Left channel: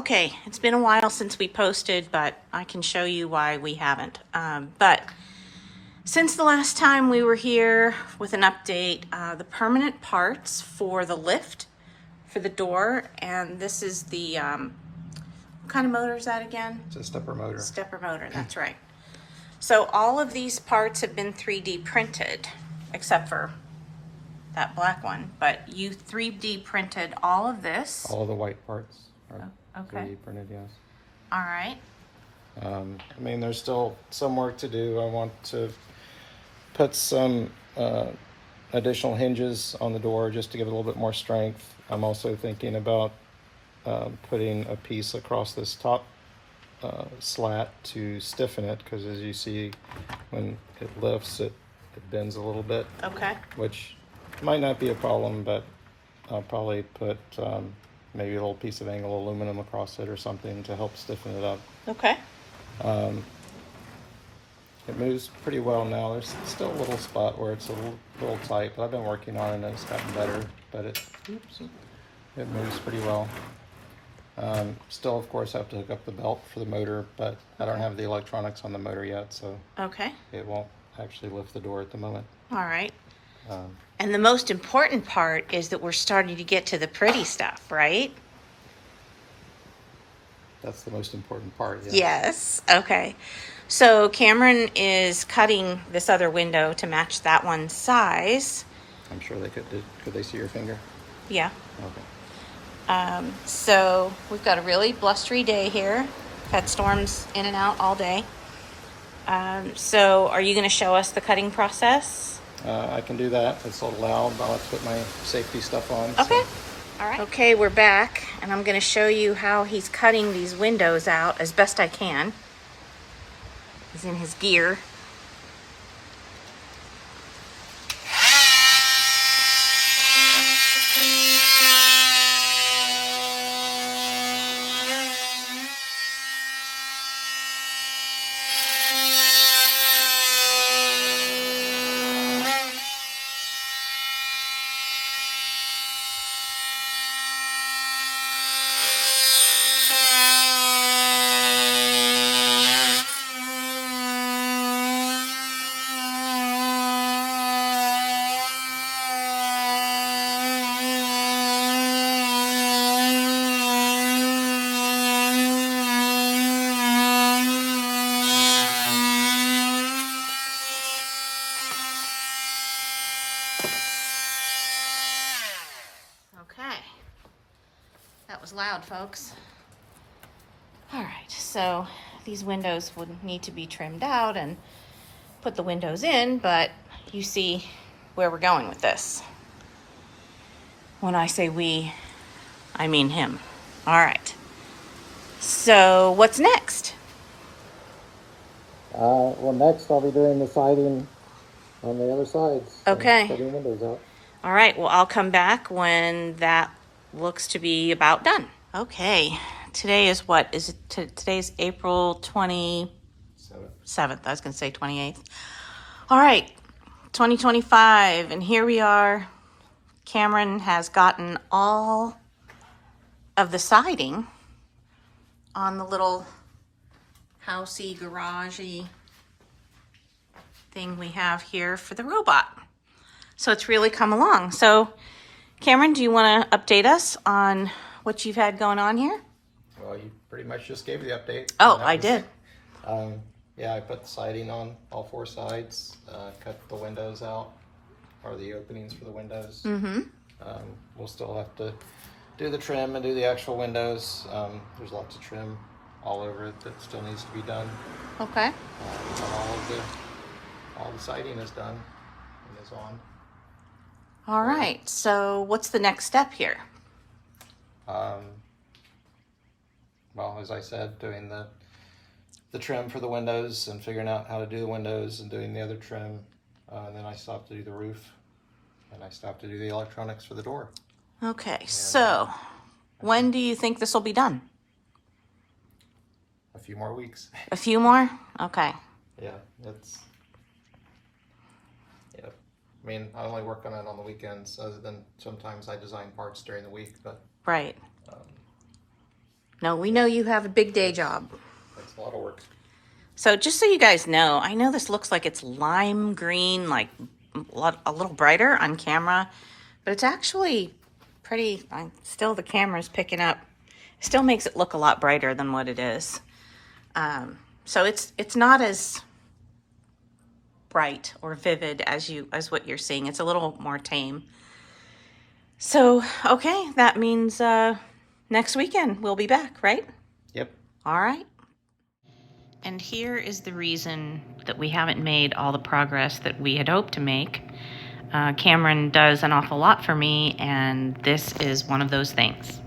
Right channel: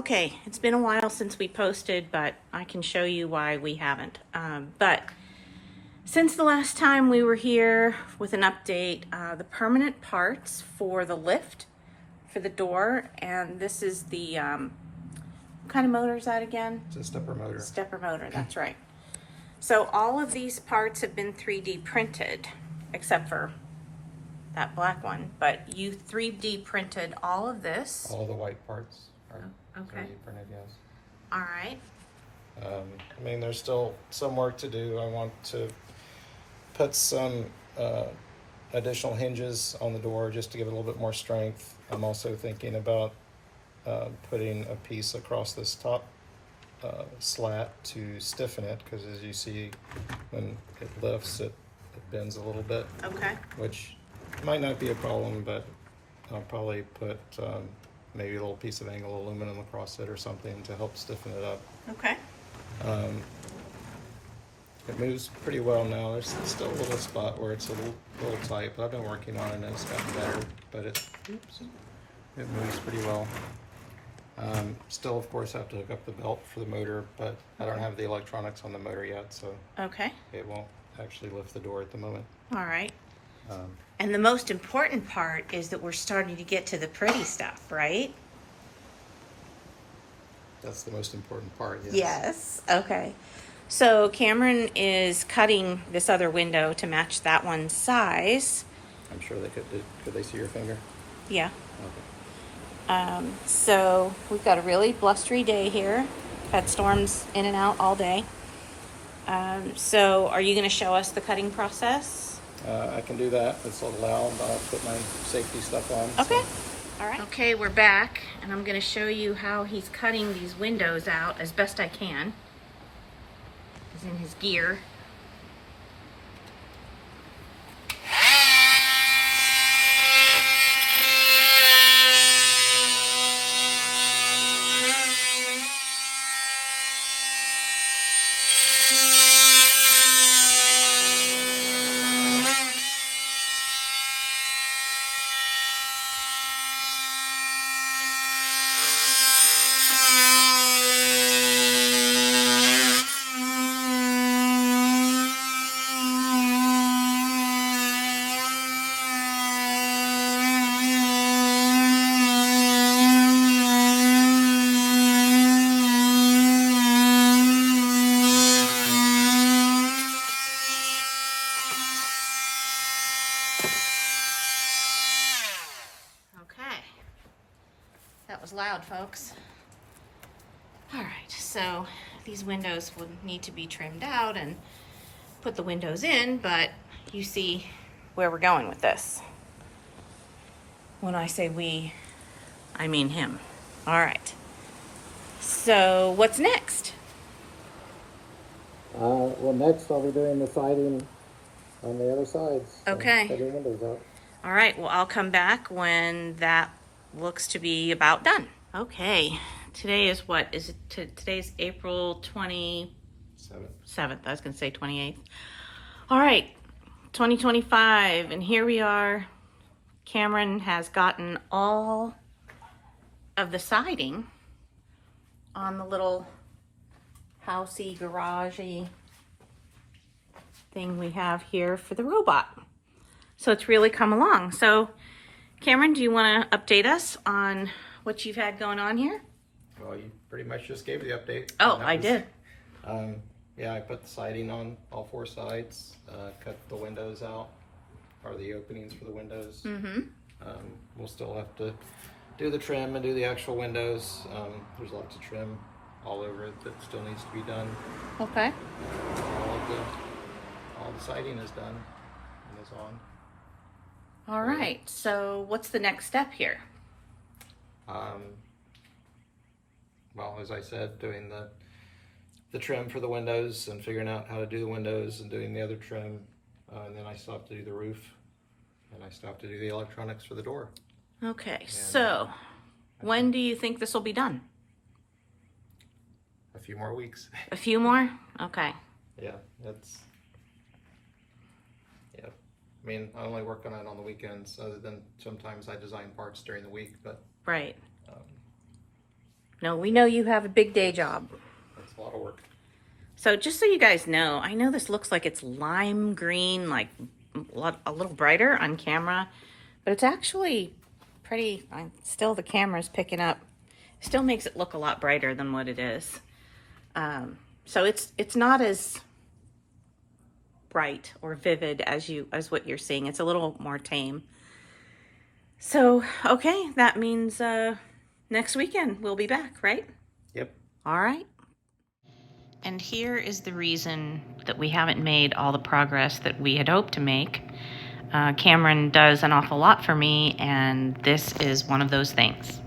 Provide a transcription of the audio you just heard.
Okay, it's been a while since we posted, but I can show you why we haven't. But since the last time we were here with an update, the permanent parts for the lift, for the door, and this is the, what kind of motor is that again? It's a stepper motor. Stepper motor, that's right. So all of these parts have been 3D printed, except for that black one, but you 3D printed all of this. All of the white parts are Okay. 3D printed, yes. All right. I mean, there's still some work to do. I want to put some additional hinges on the door just to give it a little bit more strength. I'm also thinking about putting a piece across this top slat to stiffen it, because as you see, when it lifts, it bends a little bit. Okay. Which might not be a problem, but I'll probably put maybe a little piece of angled aluminum across it or something to help stiffen it up. Okay. It moves pretty well now. There's still a little spot where it's a little tight, but I've been working on it and it's gotten better. But it moves pretty well. Still, of course, have to hook up the belt for the motor, but I don't have the electronics on the motor yet, so Okay. it won't actually lift the door at the moment. All right. And the most important part is that we're starting to get to the pretty stuff, right? That's the most important part. Yes. Yes. Okay. So Cameron is cutting this other window to match that one's size. I'm sure they could do. Could they see your finger? Yeah. Okay. So we've got a really blustery day here. Had storms in and out all day. So are you going to show us the cutting process? I can do that. It's a little loud. I'll have to put my safety stuff on. Okay. All right. Okay, we're back, and I'm going to show you how he's cutting these windows out as best I can. He's in his gear. Okay, that was loud, folks. All right, so these windows would need to be trimmed out and put the windows in, but you see where we're going with this. When I say we, I mean him. All right, so what's next? Well, next I'll be doing the siding on the other sides. Okay. Putting windows up. All right, well, I'll come back when that looks to be about done. Okay, today is what? Is it today's April 27th? I was going to say 28th. All right, 2025, and here we are. Cameron has gotten all of the siding on the little housey, garagey thing we have here for the robot. So it's really come along. So Cameron, do you want to update us on what you've had going on here? Well, you pretty much just gave the update. Oh, I did. Yeah, I put the siding on all four sides, cut the windows out, or the openings for the windows. Mm-hmm. We'll still have to do the trim and do the actual windows. There's lots of trim all over it that still needs to be done. Okay. All the siding is done and is on. All right. So what's the next step here? Well, as I said, doing the trim for the windows and figuring out how to do the windows and doing the other trim. And then I still have to do the roof, and I still have to do the electronics for the door. Okay. So when do you think this will be done? A few more weeks. A few more? Okay. Yeah, I mean, I only work on it on the weekends, other than sometimes I design parts during the week, but Right. No, we know you have a big day job. That's a lot of work. So just so you guys know, I know this looks like it's lime green, like a little brighter on camera, but it's actually pretty, still the camera's picking up. Still makes it look a lot brighter than what it is. So it's not as bright or vivid as what you're seeing. It's a little more tame. So, okay, that means next weekend we'll be back, right? Yep. All right. And here is the reason that we haven't made all the progress that we had hoped to make. Cameron does an awful lot for me, and this is one of those things.